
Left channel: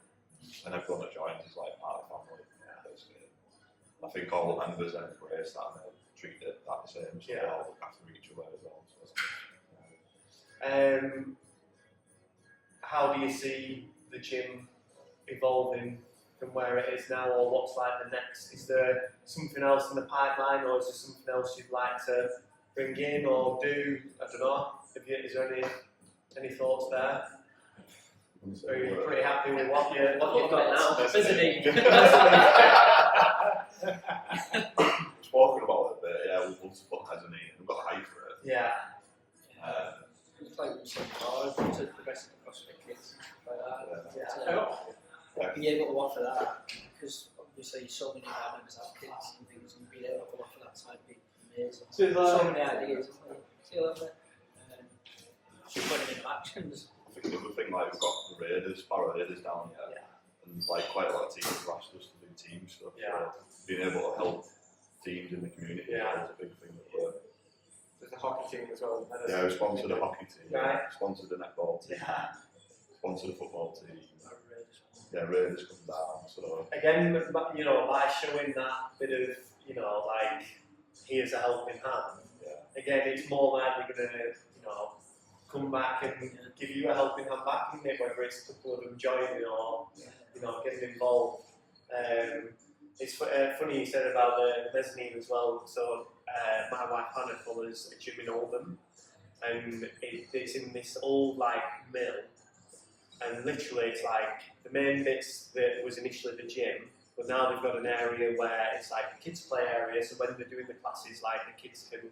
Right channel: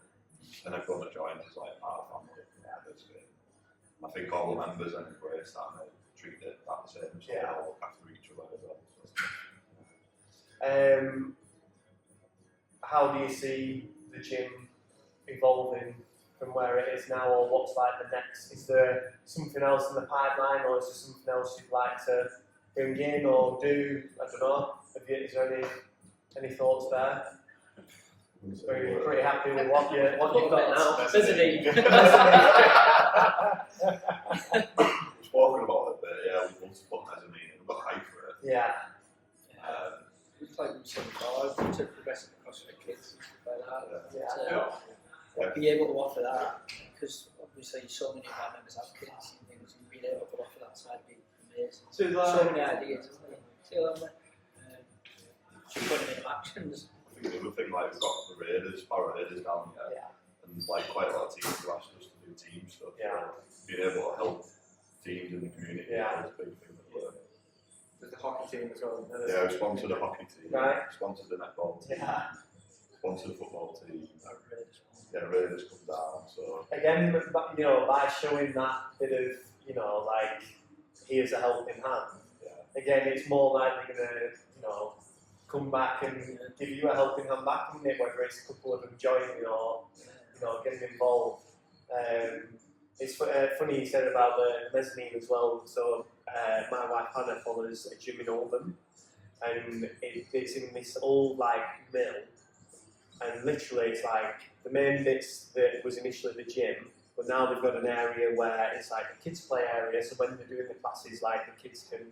and everyone that joins is like part of the family. I think all the members then embrace that and they treat it that the same, so they all look after each other as well. So, how do you see the gym evolving from where it is now, or what's like the next? Is there something else in the pipeline, or is there something else you'd like to bring in or do? I don't know. Is there any thoughts there? Are you pretty happy with what you've got now? Visiting. Just walking about it, but yeah, we've also put mezzanine and we've got height for it. Yeah. It's like we said before, to the rest of the CrossFit kids and stuff like that. To be able to offer that, because obviously so many of our members have kids and things, and being able to offer that side would be amazing. So many ideas, isn't there? See you later. Just putting them into actions. I think the other thing, like we've got the Raiders, Barrow Raiders down here, and like quite a lot of teams have asked us to do team stuff. So being able to help teams in the community is a big thing that we're. There's the hockey team as well. Yeah, we sponsored a hockey team, sponsored a netball team, sponsored a football team. Yeah, Raiders come down. So again, you know, by showing that bit of, you know, like here's a helping hand. Again, it's more likely going to, you know, come back and give you a helping hand back, isn't it? Whether it's a couple of them joining or, you know, getting involved. It's funny you said about the mezzanine as well. So my wife Hannah follows a gym in Oldham, and it's in this old like mill, and literally it's like the main bits that was initially the gym, but now they've got an area where it's like a kids play area. So when they're doing the classes, like the kids can,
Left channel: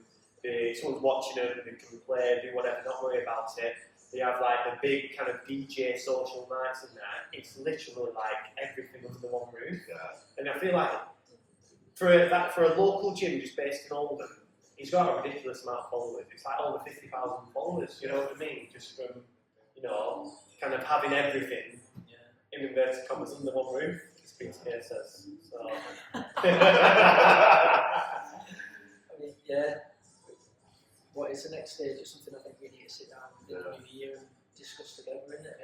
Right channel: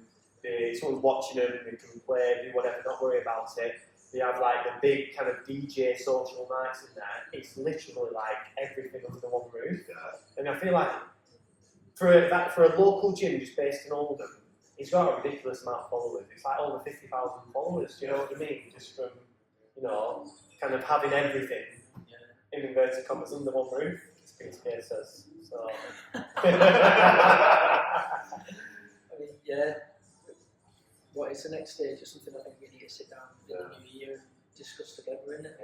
someone's watching them, they can play, do whatever, not worry about it. They have like the big kind of DJ social nights in there. It's literally like everything under one roof. And I feel like for a local gym just based in Oldham, he's got a ridiculous amount of followers. It's like over 50,000 followers. You know what I mean? Just from, you know, kind of having everything in inverted commas under one roof. As Peter Kay says. So. I mean, what is the next stage? It's something I think we need to sit down in the new year and discuss together, isn't it?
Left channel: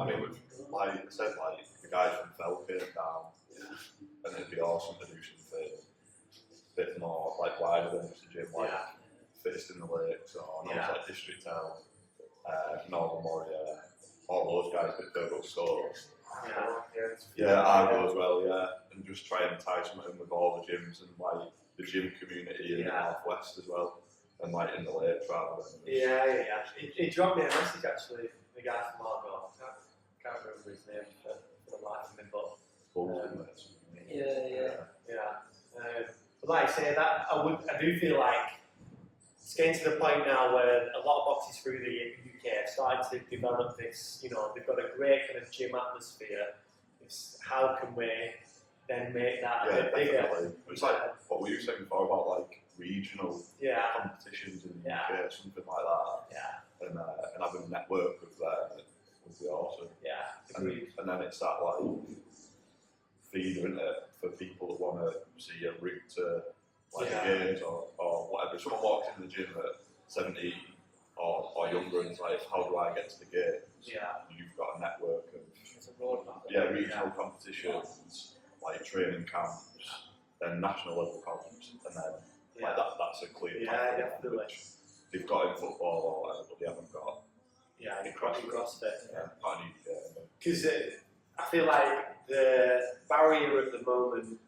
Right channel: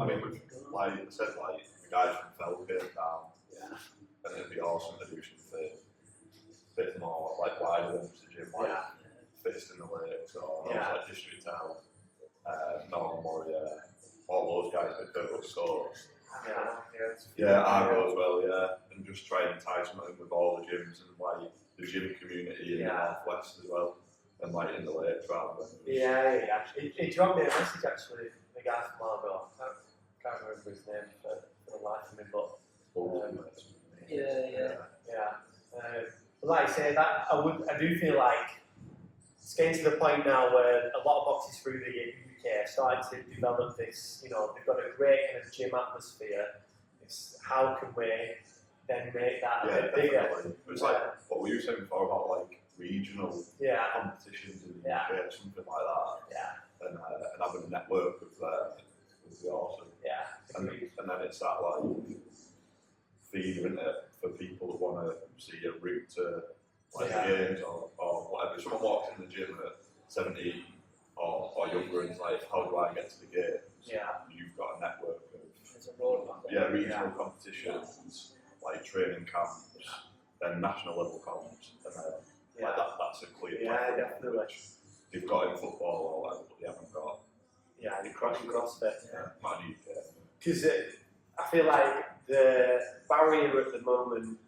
I mean, like I said, like the guys from Fell came down, and it'd be awesome to do something a bit more like wider than just a gym, like fittest in the lakes, or like District Town, Northern Warrior, all those guys that go up scores. Argo as well, and just try and tie something with all the gyms and like the gym community in the Northwest as well. And like in the lakes rather than. He dropped me a message actually, the guy from Argo. I can't remember his name for the life of me, but. But like I say, that I do feel like it's getting to the point now where a lot of boxes through the UK are starting to develop this. You know, they've got a great kind of gym atmosphere. It's how can we then make that a bit bigger? It's like what we were saying before about like regional competitions in the UK, something like that. And having a network of that would be awesome. And then it's that like feeder, isn't it, for people that want to see a route to like the games or whatever. If someone walks in the gym at 17 or younger and is like, how do I get to the games? You've got a network of regional competitions, like training camps, then national level comps, and then like that's a clear definitely. Which they've got in football or whatever, but they haven't got in CrossFit. Because I feel like the barrier at the moment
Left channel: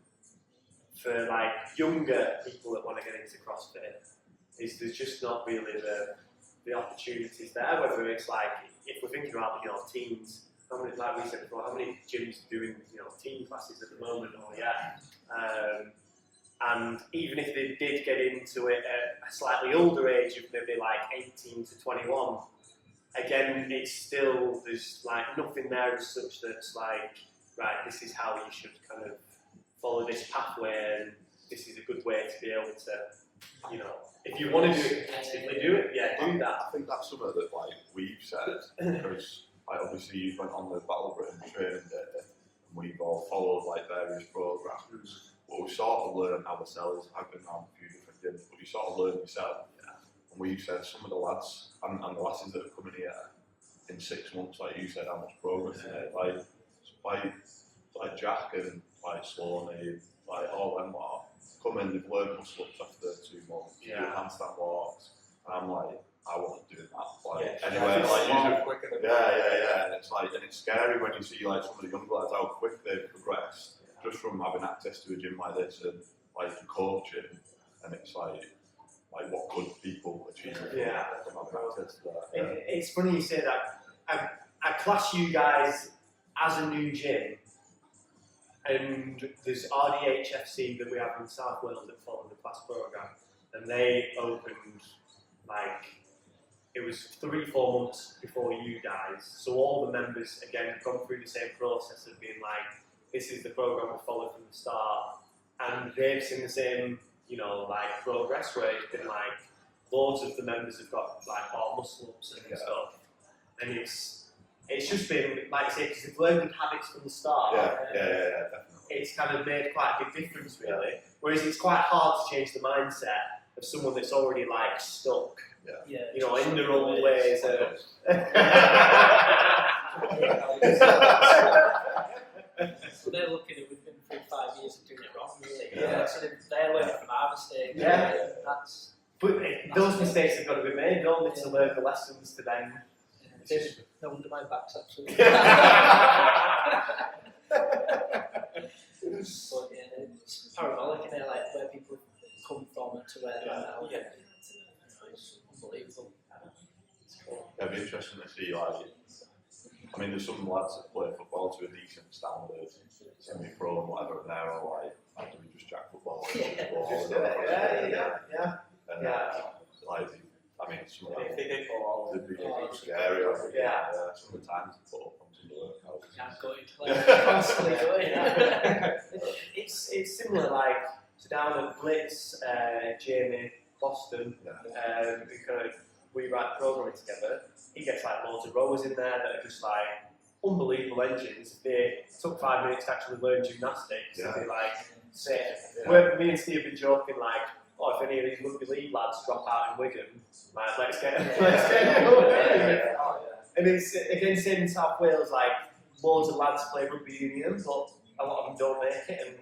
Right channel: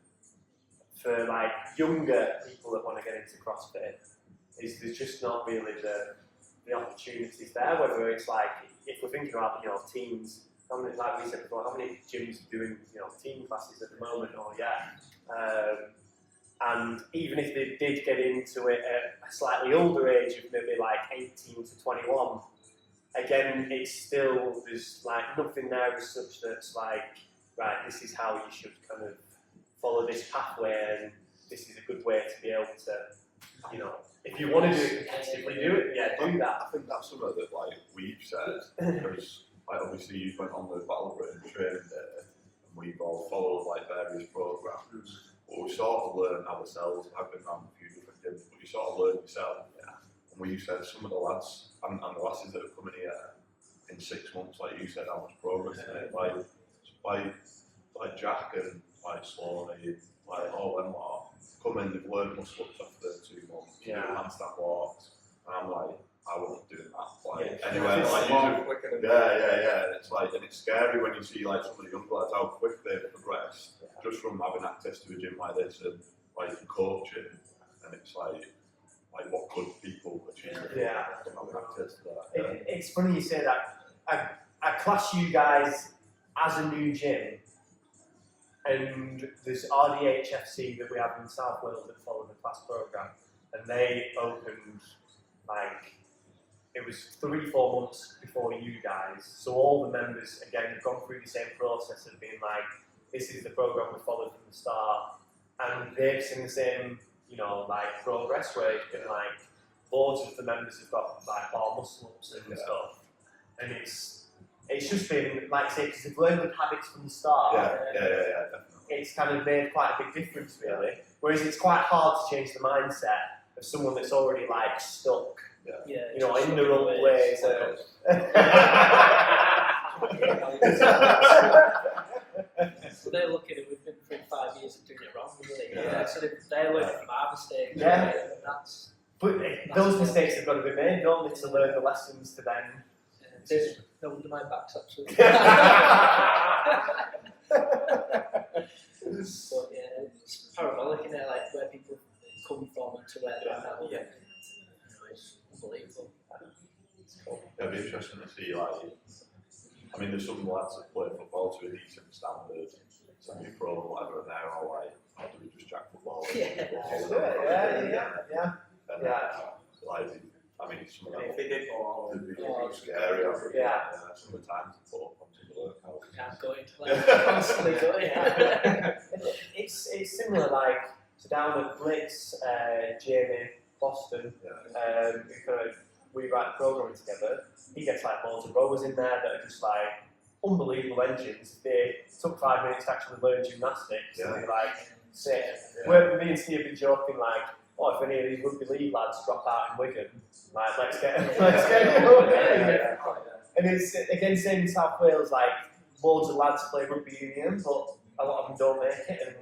for like younger people that want to get into CrossFit is there's just not really the opportunities there. Whether it's like if we're thinking about teens, how many, like we said before, how many gyms are doing teen classes at the moment or and even if they did get into it at a slightly older age, of maybe like 18 to 21, again, it's still, there's like nothing there as such that's like, right, this is how you should kind of follow this pathway and this is a good way to be able to, if you want to do it competitively, do it, do that. I think that's something that like we've said, because like, obviously you went on the Battle Britain training day and we've all followed like various programs. But we sort of learn ourselves. I've been around a few different gyms, but you sort of learn yourself. And we've said some of the lads and the lasses that have come in here in 6 months, like you said, how much progress they made. Like Jack and like slowly, like all them lot, come in, they've learned muscle ups after 2 months, do handstand walks, and I'm like, I wasn't doing that. Like anyway, like and it's like, and it's scary when you see like some of the young lads how quick they've progressed just from having access to a gym like this and like coaching, and it's like what could people achieve from having access to that? It's funny you say that. I class you guys as a new gym, and there's RDHFC that we have in South Wales that follow the class programme, and they opened like, it was 3-4 months before you guys, so all the members again have gone through the same process of being like, this is the programme we followed from the start, and they've seen the same, you know, like progress where it's been like loads of the members have got like more muscle ups and stuff, and it's just been like I say, because they've learned good habits from the start. Definitely. It's kind of made quite a big difference really. Whereas it's quite hard to change the mindset of someone that's already like stuck. You know, in the wrong ways. So they're looking at, we've been through 5 years of doing it wrong, really. So they're learning from our mistakes. But those mistakes have got to be made, don't they, to learn the lessons to then. No wonder my back's absolutely. But yeah, it's parabolic, isn't it? Like where people come from and to where they are now. You know, it's unbelievable. It'll be interesting to see, like, I mean, there's some lads that play football to a decent standard, semi-pro and whatever, and they're all like, how do we just jack football? And like, I mean, some of them, if they did fall, they'd be scary. Some of the times they put up on some of the workouts. Can't go into play, constantly going. It's similar, like, so down at Blitz, Jamie, Boston, we write programming together. He gets like loads of rowers in there that are just like unbelievable engines. They took 5 minutes to actually learn gymnastics. And they like sit. Where me and Steve have been joking like, oh, if any of these rugby league lads drop out in Wigan, like let's get And it's again same in South Wales, like loads of lads play rugby union, but a lot of them don't make it.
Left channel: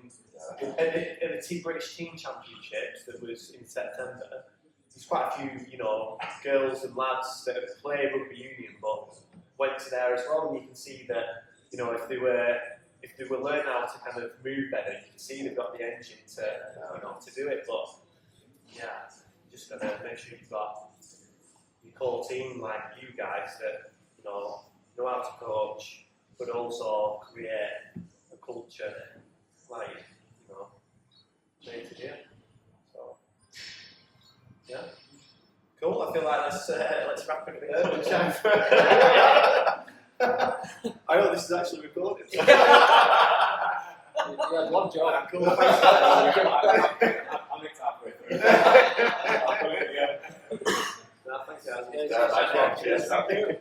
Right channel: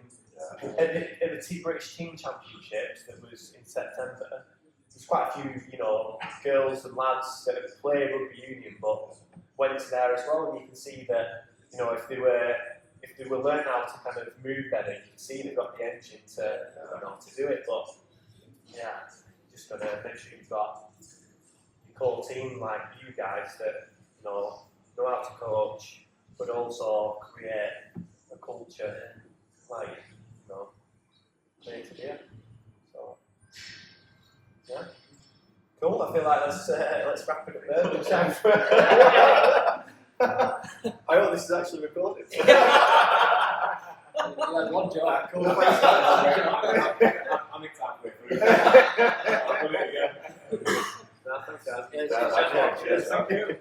And at the British Team Championships that was in September, there's quite a few, you know, girls and lads that have played rugby union but went to there as well, and you can see that, you know, if they were learning how to kind of move better, you can see they've got the engine to to do it. But yeah, just gotta make sure you've got your core team like you guys that, you know how to coach, but also create a culture like, you know, day to day. So yeah, cool. I feel like let's wrap it up there. Time for I hope this is actually recorded. You had one job. Cool. I'm halfway through. I'll do it again. No, thanks, guys. Cheers. Thank you.